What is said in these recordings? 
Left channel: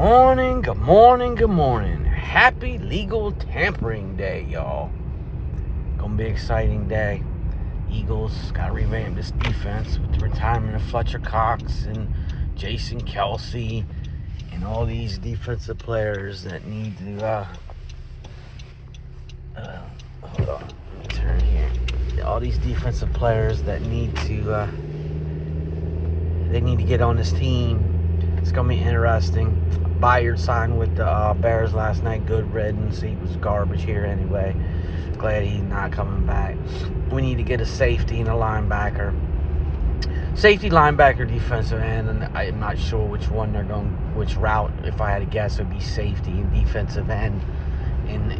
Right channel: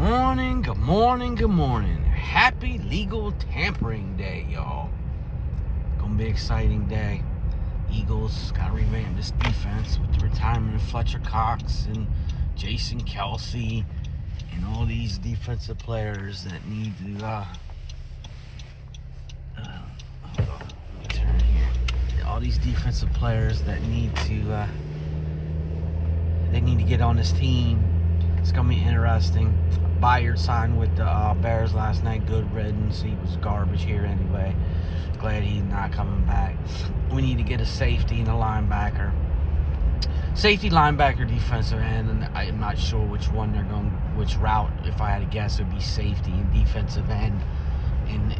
morning, good morning, good morning. Happy legal tampering day, y'all. Gonna be an exciting day. Eagles gotta revamp this defense with the retirement of Fletcher Cox and Jason Kelce and all these defensive players that need to hold on, turn here. Yeah, all these defensive players that need to they need to get on this team. It's gonna be interesting. Byard signed with the Bears last night. Good riddance. He was garbage here anyway. Glad he's not coming back. We need to get a safety and a linebacker. Safety, linebacker, defensive end, and I'm not sure which one they're going, which route. If I had to guess, it'd be safety and defensive end in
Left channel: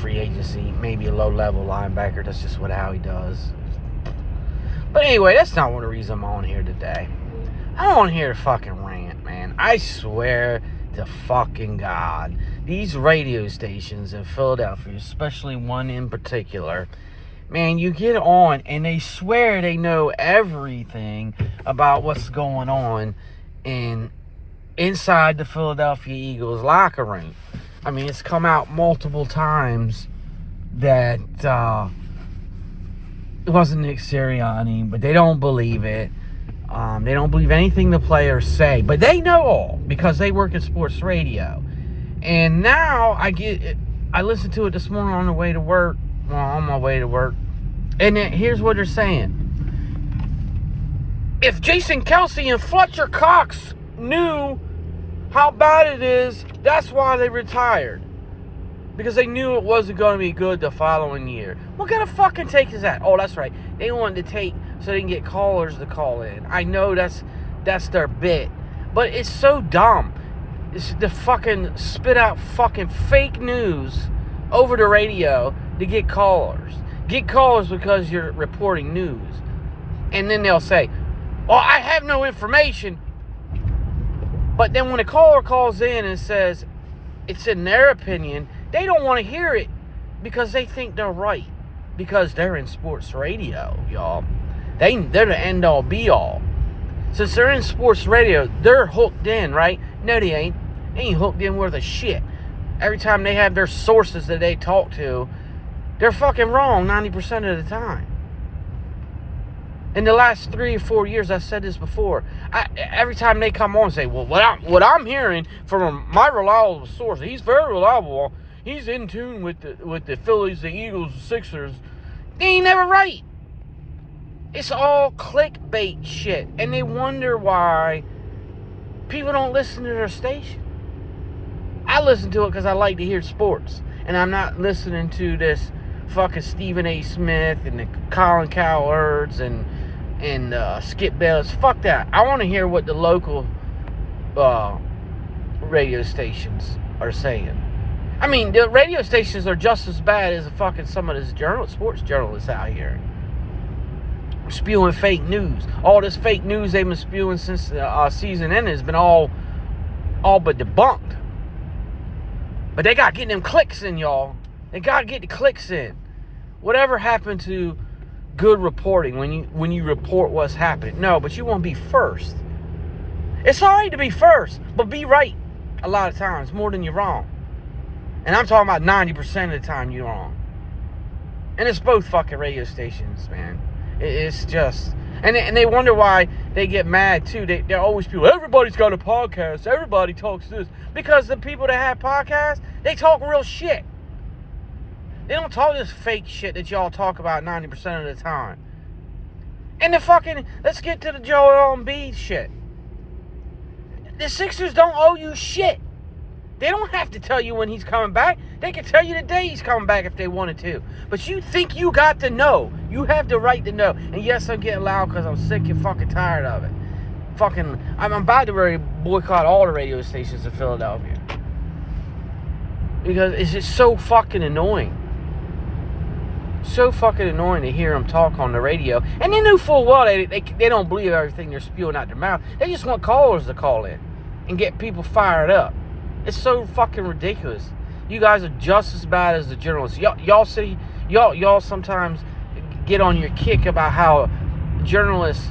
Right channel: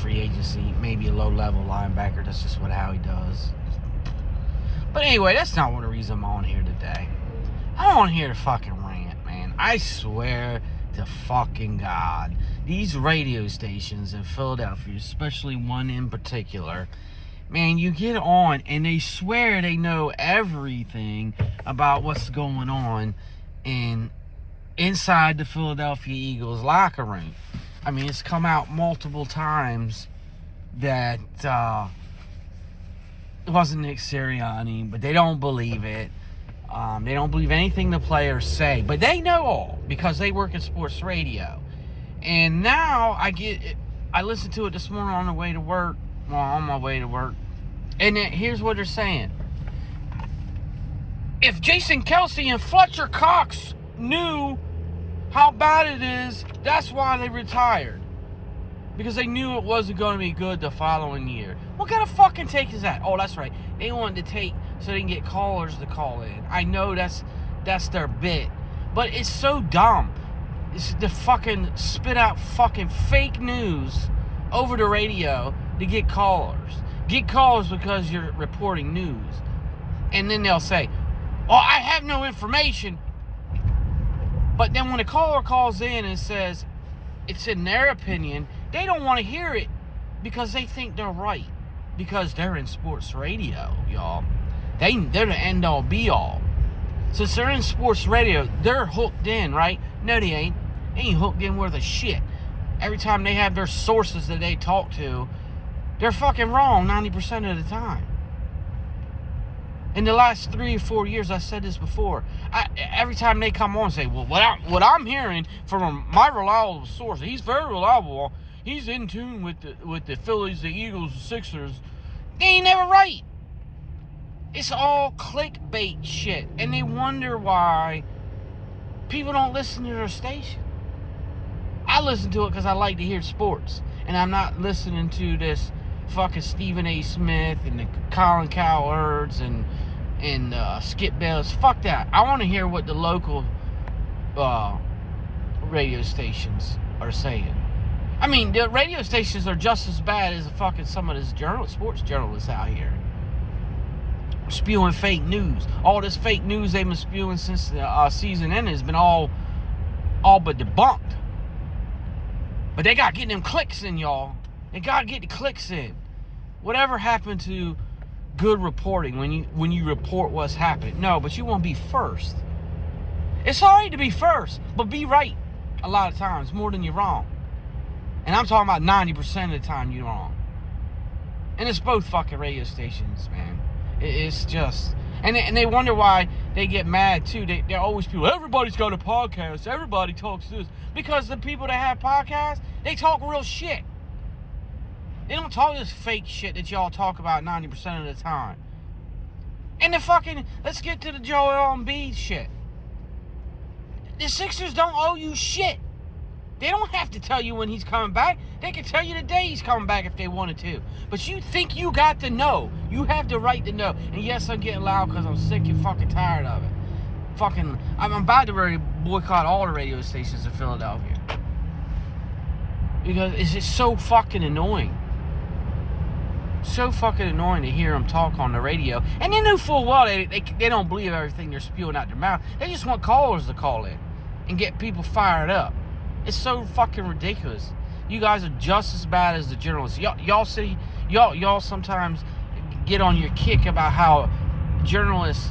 free agency. Maybe a low-level linebacker. That's just how he does. But anyway, that's not one of the reasons I'm on here today. I'm on here to fucking rant, man. I swear to fucking God. These radio stations in Philadelphia, especially one in particular, man, you get on and they swear they know everything about what's going on inside the Philadelphia Eagles locker room. I mean, it's come out multiple times that it wasn't Nick Sirianni, but they don't believe it. They don't believe anything the players say, but they know all because they work at sports radio. And now I listened to it this morning on the way to work. Well, on my way to work. And here's what they're saying. If Jason Kelce and Fletcher Cox knew how bad it is, that's why they retired. Because they knew it wasn't going to be good the following year. What kind of fucking take is that? Oh, that's right. They wanted to take so they can get callers to call in. I know that's their bit. But it's so dumb. It's the fucking spit out fucking fake news over the radio to get callers. Get callers because you're reporting news. And then they'll say, well, I have no information. But then when a caller calls in and says it's in their opinion, they don't want to hear it because they think they're right. Because they're in sports radio, y'all. They're the end-all, be-all. Since they're in sports radio, they're hooked in, right? No, they ain't. They ain't hooked in worth a shit. Every time they have their sources that they talk to, they're fucking wrong 90% of the time. In the last 3 or 4 years, I said this before. Every time they come on and say, well, what I'm hearing from my reliable source, he's very reliable. He's in tune with the Phillies, the Eagles, the Sixers. They ain't never right. It's all clickbait shit. And they wonder why people don't listen to their station. I listen to it because I like to hear sports. And I'm not listening to this fucking Stephen A. Smith and the Colin Cowherds and Skip Bayless. Fuck that. I want to hear what the local radio stations are saying. I mean, the radio stations are just as bad as fucking some of this sports journalists out here. Spewing fake news. All this fake news they've been spewing since the season ended has been all but debunked. But they got to get them clicks in, y'all. They got to get the clicks in. Whatever happened to good reporting when you report what's happening? No, but you want to be first. It's all right to be first, but be right a lot of times, more than you're wrong. And I'm talking about 90% of the time you're wrong. And it's both fucking radio stations, man. It's just... And they wonder why they get mad, too. They're always people, everybody's got a podcast. Everybody talks this. Because the people that have podcasts, they talk real shit. They don't talk this fake shit that y'all talk about 90% of the time. And the fucking... Let's get to the Joel Embiid shit. The Sixers don't owe you shit. They don't have to tell you when he's coming back. They can tell you the day he's coming back if they wanted to. But you think you got to know. You have the right to know. And yes, I'm getting loud because I'm sick and fucking tired of it. I'm about to boycott all the radio stations in Philadelphia. Because it's just so fucking annoying. So fucking annoying to hear them talk on the radio. And they knew full well they don't believe everything they're spewing out their mouth. They just want callers to call in and get people fired up. It's so fucking ridiculous. You guys are just as bad as the journalists. Y'all sometimes get on your kick about how journalists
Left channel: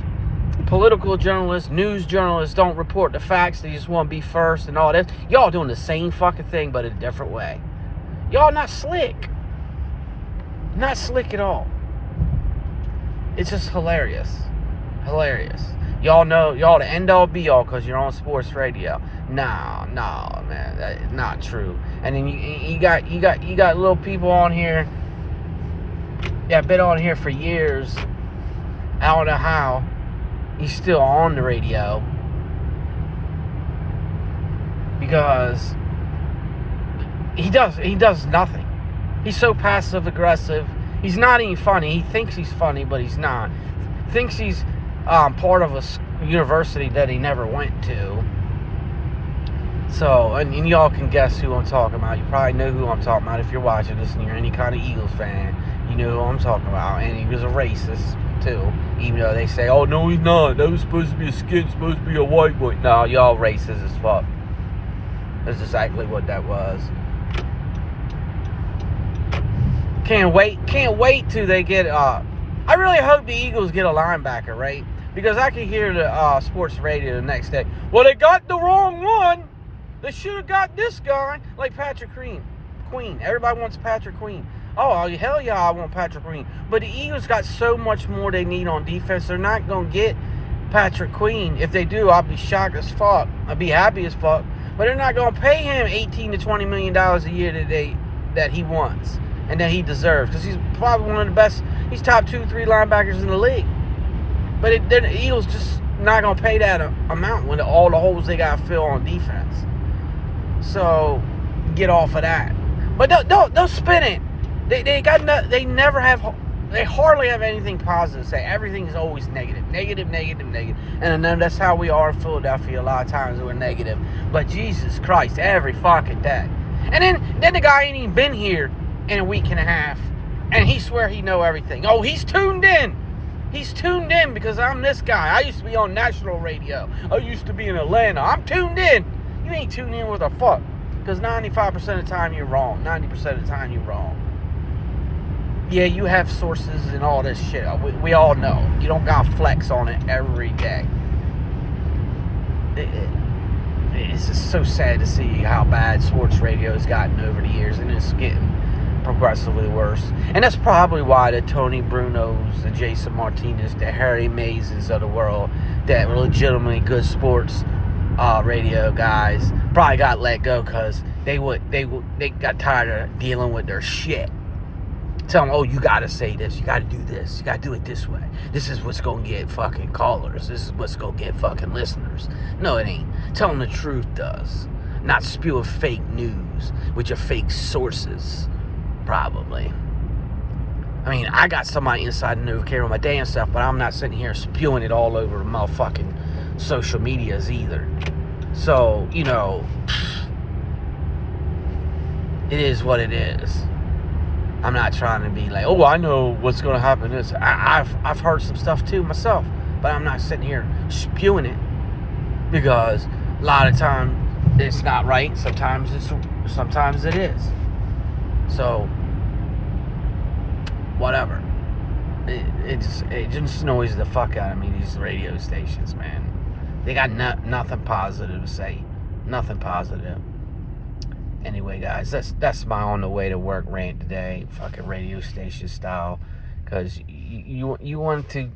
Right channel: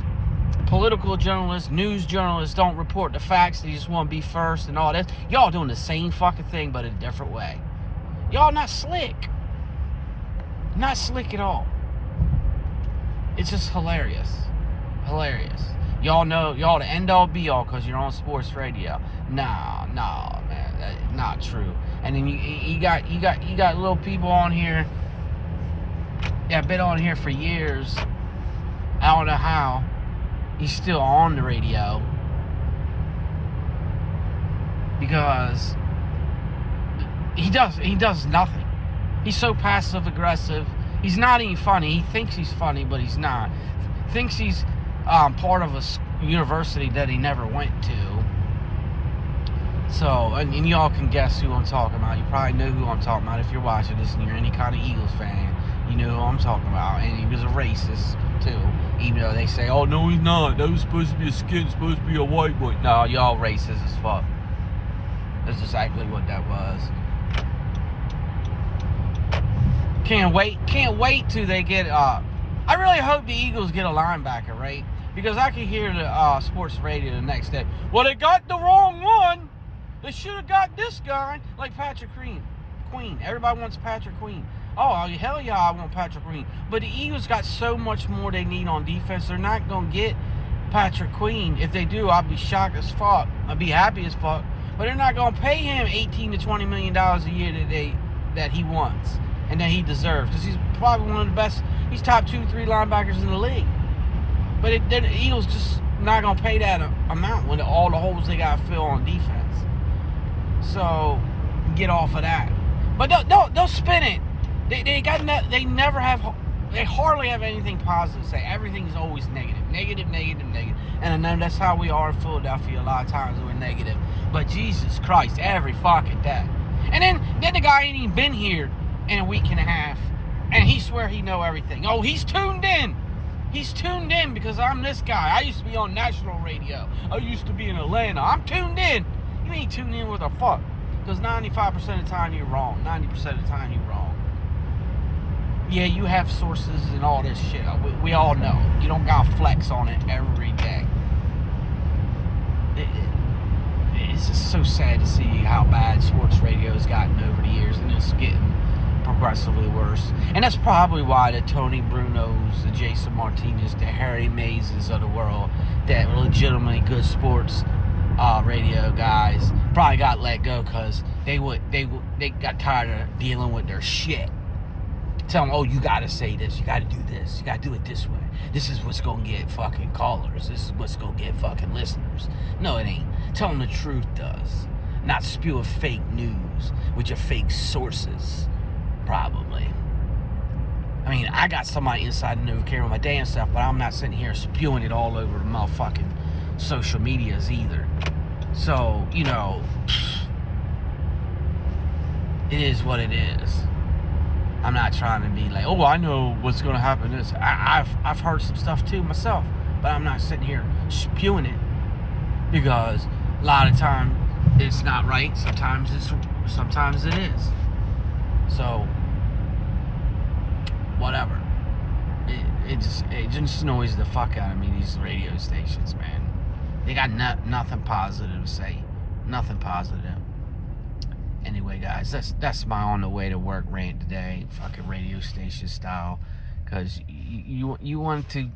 political journalists, news journalists don't report the facts. They just want to be first and all this. Y'all doing the same fucking thing, but a different way. Y'all not slick. Not slick at all. It's just hilarious. Hilarious. Y'all know, y'all the end all be all because you're on sports radio. Nah, man, that's not true. And then you got little people on here that been on here for years. I don't know how he's still on the radio, because he does nothing. He's so passive aggressive. He's not even funny. He thinks he's funny, but he's not. Thinks he's part of a university that he never went to. So, and y'all can guess who I'm talking about. You probably know who I'm talking about if you're watching this and you're any kind of Eagles fan. You know who I'm talking about. And he was a racist too. Even though they say, oh no, he's not. That was supposed to be a skin, supposed to be a white boy. No, y'all racist as fuck. That's exactly what that was. Can't wait till they get I really hope the Eagles get a linebacker, right? Because I can hear the sports radio the next day. Well, they got the wrong one. They should have got this guy, like Patrick Queen. Everybody wants Patrick Queen. Oh, hell yeah, I want Patrick Queen. But the Eagles got so much more they need on defense. They're not going to get Patrick Queen. If they do, I'll be shocked as fuck. I'll be happy as fuck. But they're not going to pay him $18 to $20 million a year that he wants and that he deserves. Because he's probably one of the best. He's top 2-3 linebackers in the league. But the Eagles just not going to pay that amount with all the holes they got to fill on defense. So, get off of that. But don't spin it. They hardly have anything positive to say. Everything is always negative. And then that's how we are in Philadelphia a lot of times. We're negative. But Jesus Christ, every fucking day. And then the guy ain't even been here in a week and a half. And he swear he know everything. Oh, he's tuned in. He's tuned in because I'm this guy. I used to be on national radio. I used to be in Atlanta. I'm tuned in. You ain't tuned in with a fuck. Because 95% of the time you're wrong. 90% of the time you're wrong. Yeah, you have sources and all this shit. We all know. You don't got flex on it every day. It's just so sad to see how bad sports radio has gotten over the years, and it's getting progressively worse. And that's probably why the Tony Brunos, the Jason Martinez, the Harry Mazes of the world, that were legitimately good sports radio guys, probably got let go because they got tired of dealing with their shit. Tell them, oh, you gotta say this, you gotta do this, you gotta do it this way. This is what's gonna get fucking callers. This is what's gonna get fucking listeners. No, it ain't. Tell them the truth does. Not spewing fake news with your fake sources, probably. I mean, I got somebody inside and know care of my damn stuff, but I'm not sitting here spewing it all over motherfucking social medias either. So, you know, it is what it is. I'm not trying to be like, oh, I know what's going to happen. I've heard some stuff too myself, but I'm not sitting here spewing it because a lot of times it's not right. Sometimes it is. So, whatever. It just annoys the fuck out of me, these radio stations, man. They got nothing positive to say. Nothing positive. Anyway, guys, that's my on the way to work rant today, fucking radio station style, because you want to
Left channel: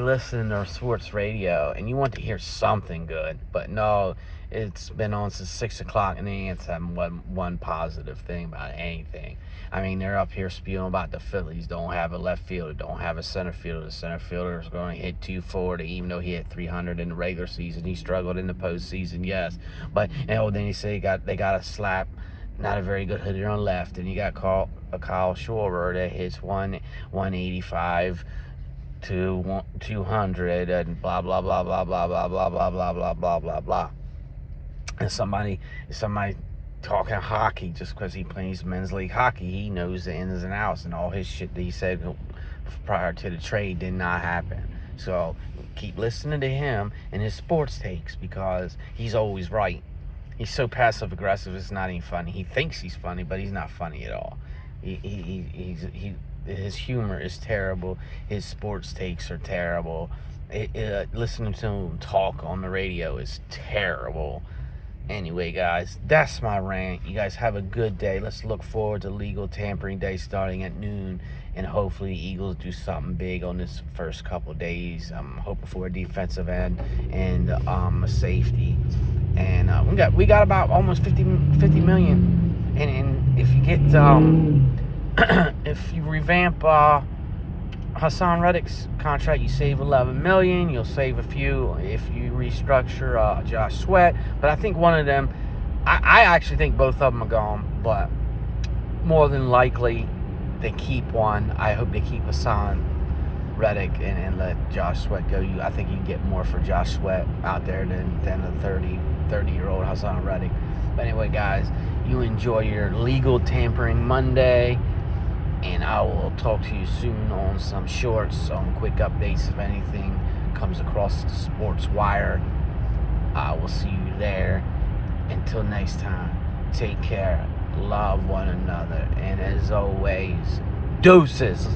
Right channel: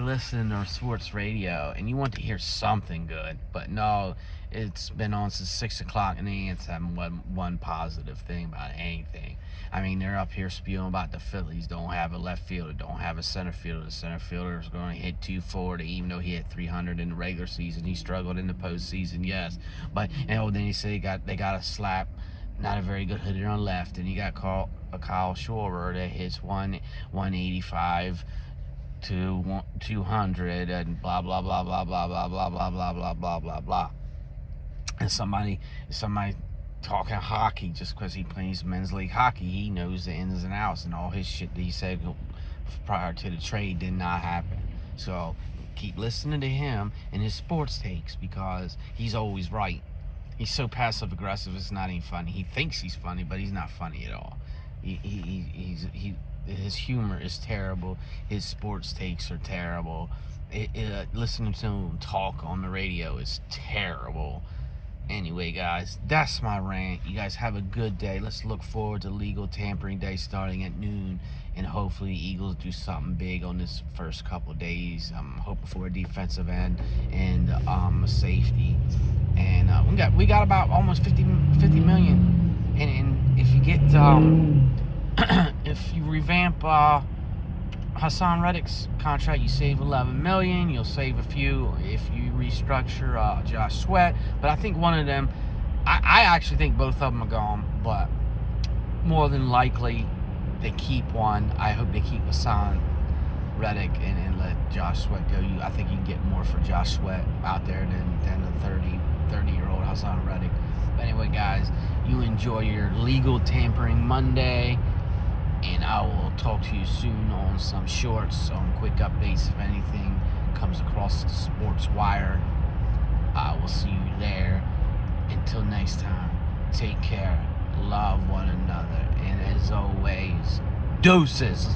listen to sports radio and you want to hear something good, but no, it's been on since 6 o'clock and they ain't said one positive thing about anything. I mean, they're up here spewing about the Phillies don't have a left fielder, don't have a center fielder. The center fielder is going to hit 240, even though he hit 300 in the regular season. He struggled in the postseason, yes. But, you know, then you say they got a slap, not a very good hitter on left. And you got Kyle Schwarber that hits 185 to 200 and blah, blah, blah, blah, blah, blah, blah, blah, blah, blah, blah, blah, blah. And somebody talking hockey just because he plays men's league hockey, he knows the ins and outs, and all his shit that he said prior to the trade did not happen. So keep listening to him and his sports takes because he's always right. He's so passive aggressive, it's not even funny. He thinks he's funny, but he's not funny at all. His humor is terrible. His sports takes are terrible. Listening to him talk on the radio is terrible. Anyway, guys, that's my rant. You guys have a good day. Let's look forward to legal tampering day starting at noon, and hopefully Eagles do something big on this first couple days. I'm hoping for a defensive end and a safety. And we got about almost 50 million. And if you get if you revamp Hassan Reddick's contract, you save 11 million. You'll save a few if you restructure Josh Sweat. But I think one of them, I actually think both of them are gone. But more than likely, they keep one. I hope they keep Hassan Reddick and let Josh Sweat go. I think you get more for Josh Sweat out there than a 30-year-old Hassan Reddick. But anyway, guys, you enjoy your legal tampering Monday. And I will talk to you soon on some shorts, some quick updates if anything comes across the Sports Wire. I will see you there. Until next time, take care, love one another, and as always, deuces.